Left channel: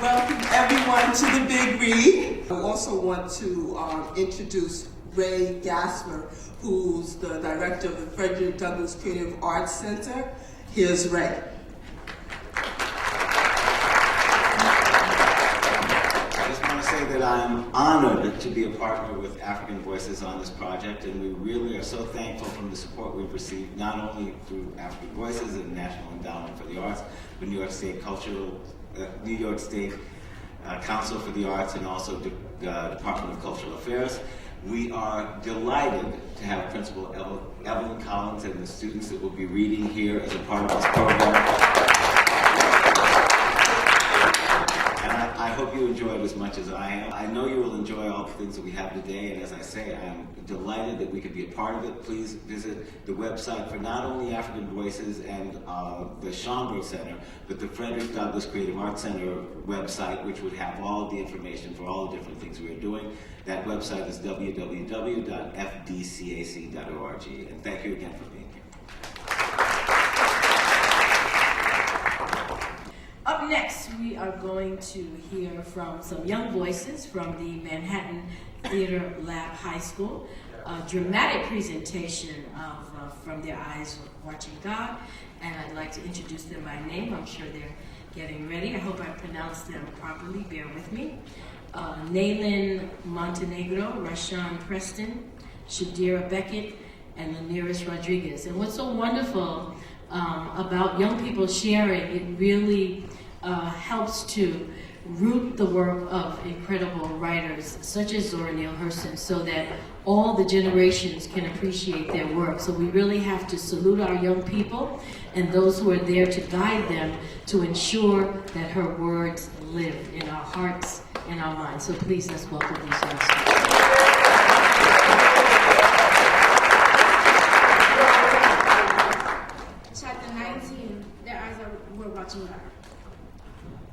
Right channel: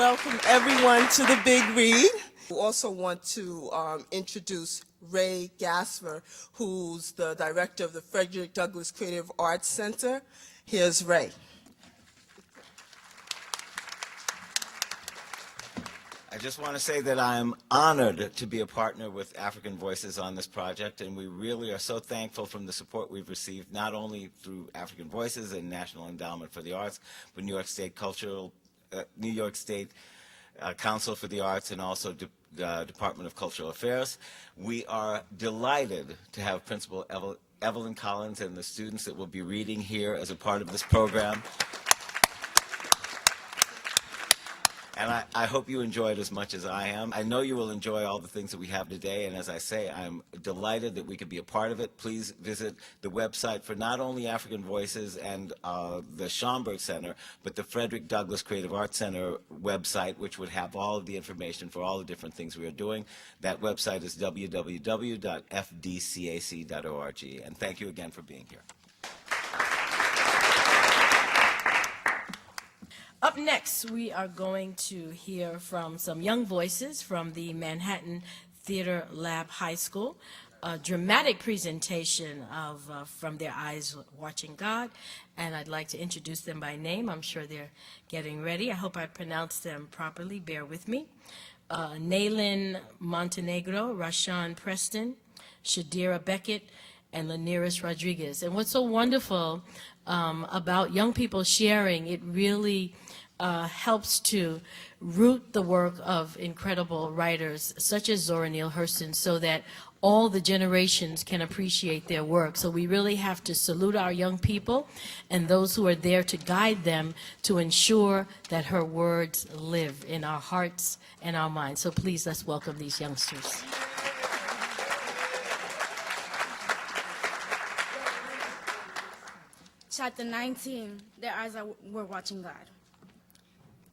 Welcome everyone to the Big Read. I also want to introduce Ray Gasper, who's the director of the Frederick Douglass Creative Arts Center. Here's Ray. I just want to say that I'm honored to be a partner with African Voices on this project, and we really are so thankful from the support we've received, not only through African Voices and National Endowment for the Arts, but New York State Council for the Arts, and also the Department of Cultural Affairs. We are delighted to have Principal Evelyn Collins and the students that will be reading here as a part of this program. And I hope you enjoy it as much as I am. I know you will enjoy all the things that we have today, and as I say, I'm delighted that we can be a part of it. Please visit the website for not only African Voices and the Schomburg Center, but the Frederick Douglass Creative Arts Center website, which would have all of the information for all the different things we are doing. That website is www.fdcac.org. And thank you again for being here. Up next, we are going to hear from some young voices from the Manhattan Theater Lab High School, a dramatic presentation of From Their Eyes Watching God, and I'd like to introduce them by name. I'm sure they're getting ready. I hope I pronounced them properly. Bear with me. Naylin Montenegro, Rashawn Preston, Shadira Beckett, and Laniris Rodriguez. And what's so wonderful about young people sharing, it really helps to root the work of incredible writers such as Zora Neale Hurston, so that all the generations can appreciate their work. So we really have to salute our young people and those who are there to guide them to ensure that her words live in our hearts and our minds. So please, let's welcome these youngsters. Chapter 19, Their Eyes Were Watching God.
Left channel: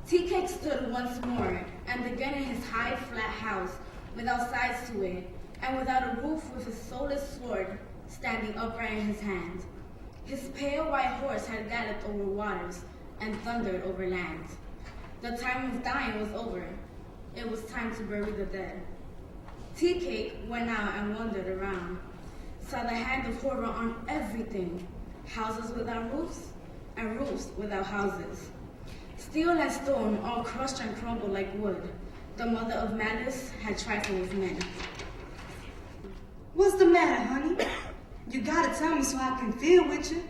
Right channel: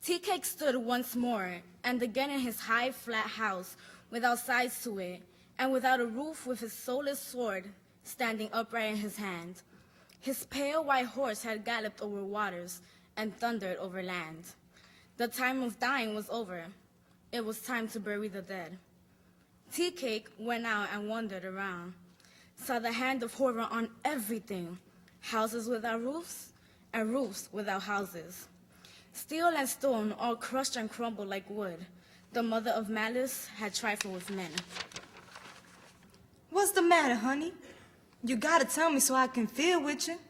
Tea-Cake stood once more, and again in his high, flat house, without sides to it, and without a roof, with his soulless sword standing upright in his hand. His pale white horse had galloped over waters and thundered over land. The time of dying was over. It was time to bury the dead. Tea-Cake went out and wandered around, saw the hand of horror on everything, houses without roofs, and roofs without houses. Steel and stone all crushed and crumbled like wood. The mother of malice had trifled with men. What's the matter, honey? You gotta tell me so I can feel with you.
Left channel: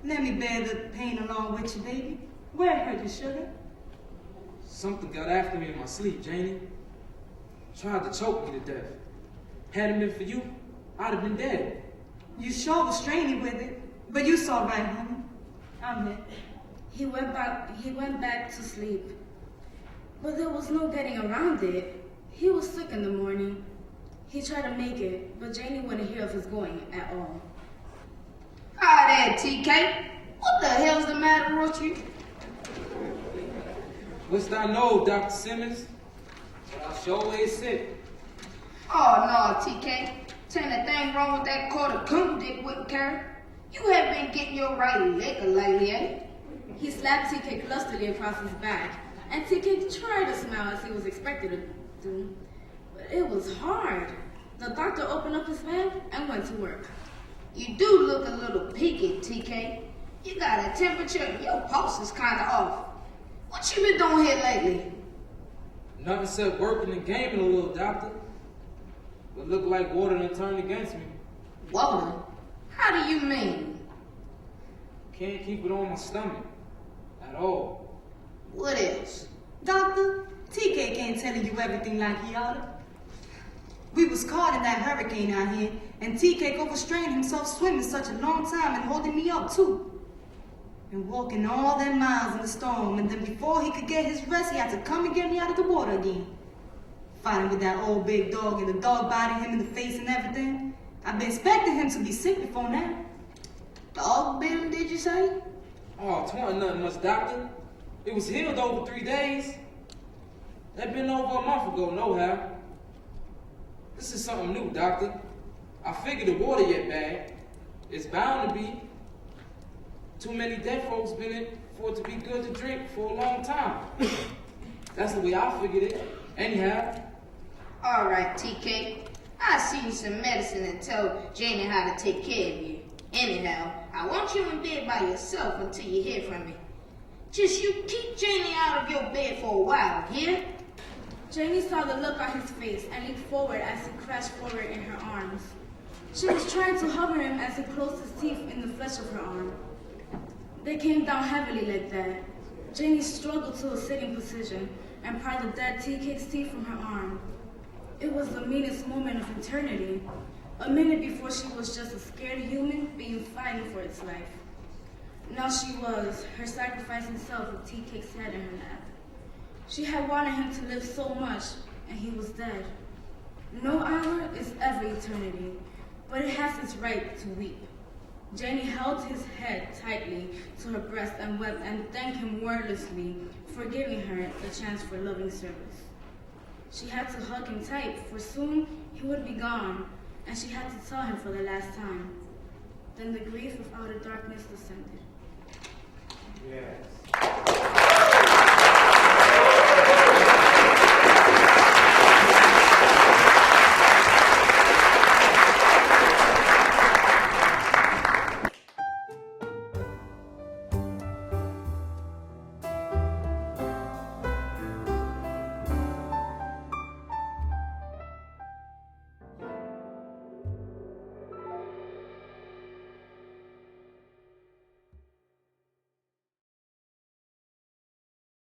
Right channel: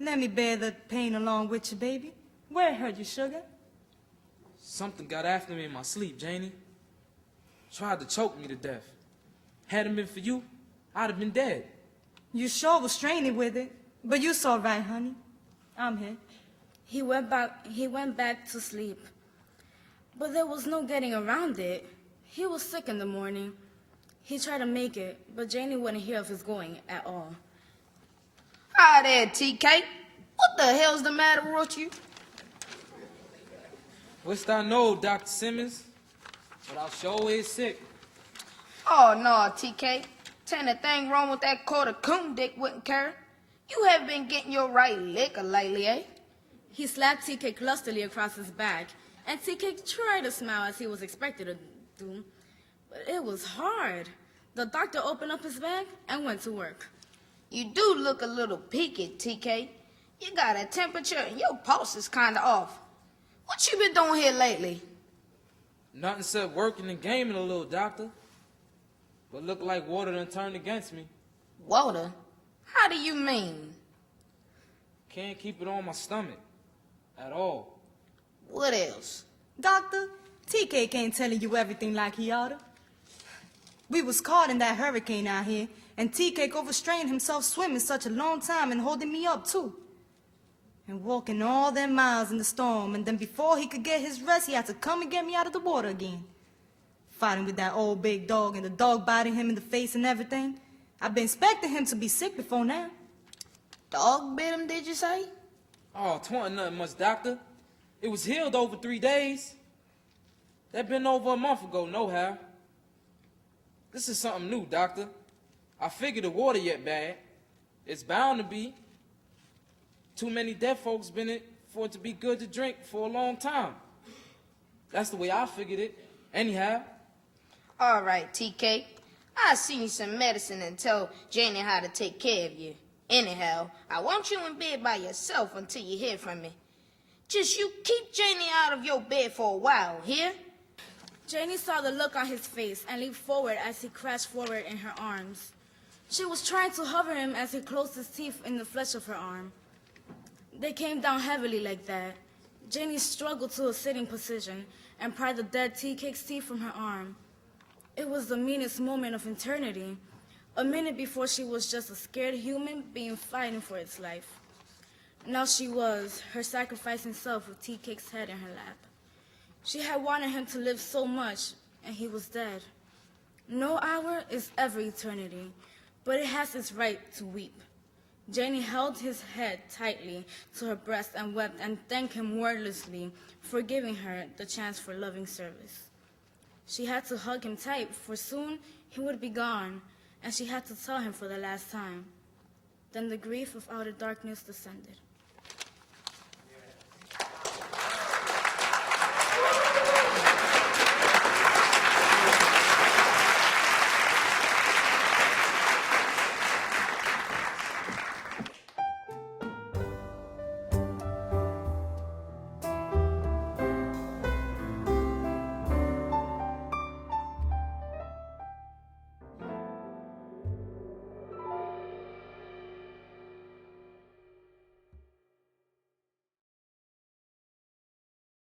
Let me bear the pain along with you, baby. Where hurt you, sugar? Something got after me in my sleep, Janie. Tried to choke me to death. Hadn't been for you, I'd have been dead. You sure was straining with it, but you saw right, honey. I'm here. He went back to sleep. But there was no getting around it. He was sick in the morning. He tried to make it, but Janie wouldn't hear of his going at all. Hi there, TK. What the hell's the matter with you? What's I know, Dr. Simmons? But I sure ain't sick. Oh, no, TK. Tell me thing wrong with that quarter coon dick wouldn't care. You haven't been getting your right liquor lately, eh? He slapped Tea-Cake lustily across his back, and Tea-Cake tried to smile as he was expected to do. But it was hard. The doctor opened up his bed and went to work. You do look a little peaky, TK. You got a temperature and your pulse is kind of off. What you been doing here lately? Nothing except working and gaming a little, doctor. But look like water done turned against me. Water? How do you mean? Can't keep it on my stomach. At all. What else? Doctor, TK can't tell you everything like he oughta. We was caught in that hurricane out here, and TK overstrained himself swimming such a long time and holding me up too. And walking all them miles in the storm, and then before he could get his rest, he had to come and get me out of the water again. Fighting with that old big dog, and the dog biting him in the face and everything. I've been expecting him to be sick before now. Dog bit him, did you say? Oh, 'twasn't nothing much, doctor. It was healed over 3 days. That been over a month ago, nohow. This is something new, doctor. I figured the water yet bad. It's bound to be. Too many dead folks been in for it to be good to drink for a long time. That's the way I figured it. Anyhow. All right, TK. I see you some medicine and tell Janie how to take care of you. Anyhow, I want you in bed by yourself until you hear from me. Just you keep Janie out of your bed for a while, hear? Janie saw the look on his face and leaped forward as he crashed forward in her arms. She was trying to hover him as he closed his teeth in the flesh of her arm. They came down heavily like that. Janie struggled to a sitting position and pried the dead tea cake's teeth from her arm. It was the meanest moment of eternity. A minute before she was just a scared human being fighting for its life. Now she was, her sacrificing self with tea cake's head in her lap. She had wanted him to live so much, and he was dead. No hour is ever eternity, but it has its right to weep. Janie held his head tightly to her breast and wept and thanked him wordlessly for giving her the chance for loving service. She had to hug him tight, for soon he would be gone, and she had to tell him for the last time. Then the grief of outer darkness descended. Yeah.